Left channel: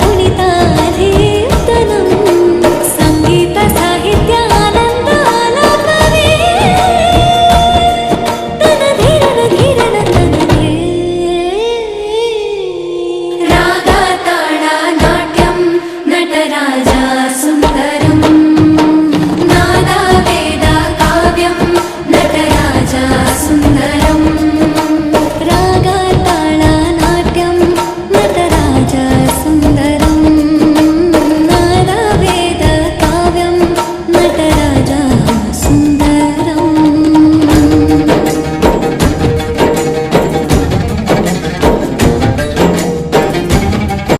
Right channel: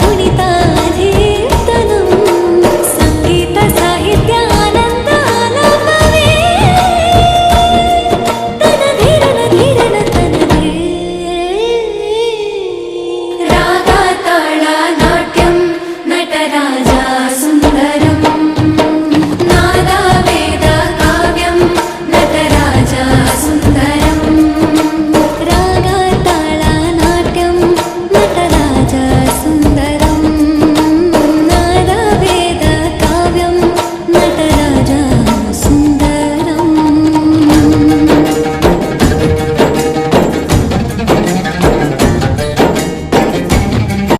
पुनिताधीर्तनं संगीत साहित्यानन्दालापवे तनधीरन धीरन तनधे रागाताळा नाट्यं नटराजा सुन्दरं नादा वेद काव्यं नटराजा सुन्दरं रागाताळा नाट्यं नटराजा सुन्दरम्